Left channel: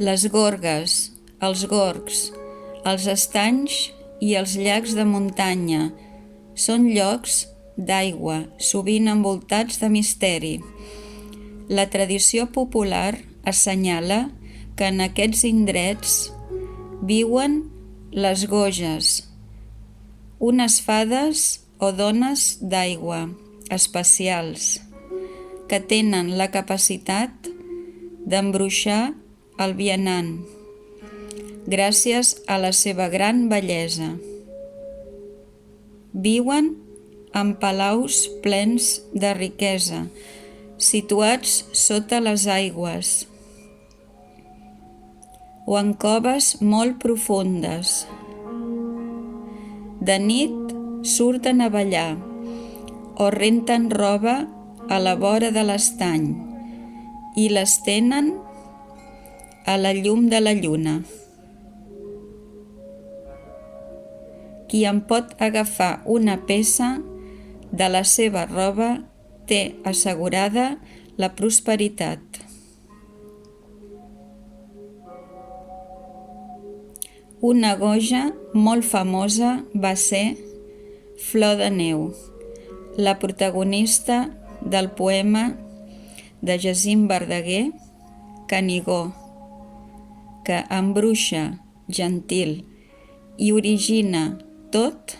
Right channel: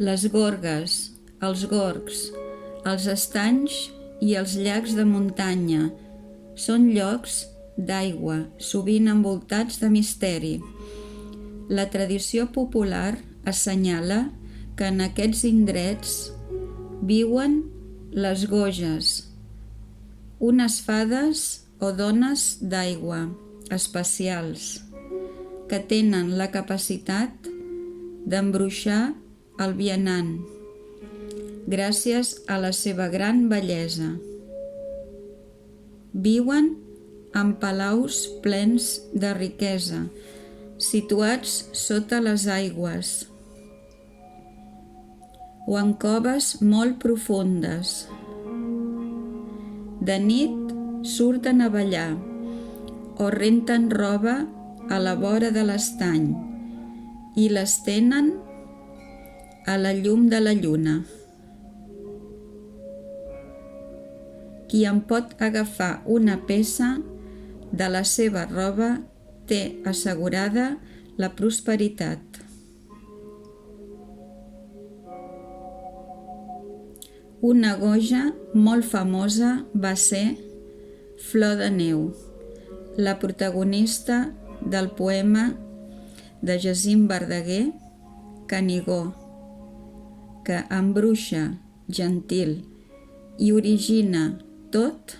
Les gorgues, els gorgs, els estanys i els llacs de muntanya són llocs d'aigua, sovint envoltats de misteri. La tradició popular assenyala que en aquests indrets viuen les goges, unes fades o dones d'aigua especials que tenen la capacitat d'embruixar el vianant gràcies a la seva gran bellesa. Viuen en palaus plens de riquesa, situats sota les aigües, o en coves molt profundes. De nit surten a ballar o renten roba a la vora de l'estany i l'estenen a la llum de la lluna. Qui en pot agafar una peça de la seva roba té assegurada la prosperitat. Una goja molt famosa va ser Flor de Neu, la protagonista del poema de Jacint Verdaguer, Canigó, que embruixa, gentil, i origina tot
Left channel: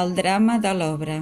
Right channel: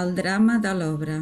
el drama de l'obra.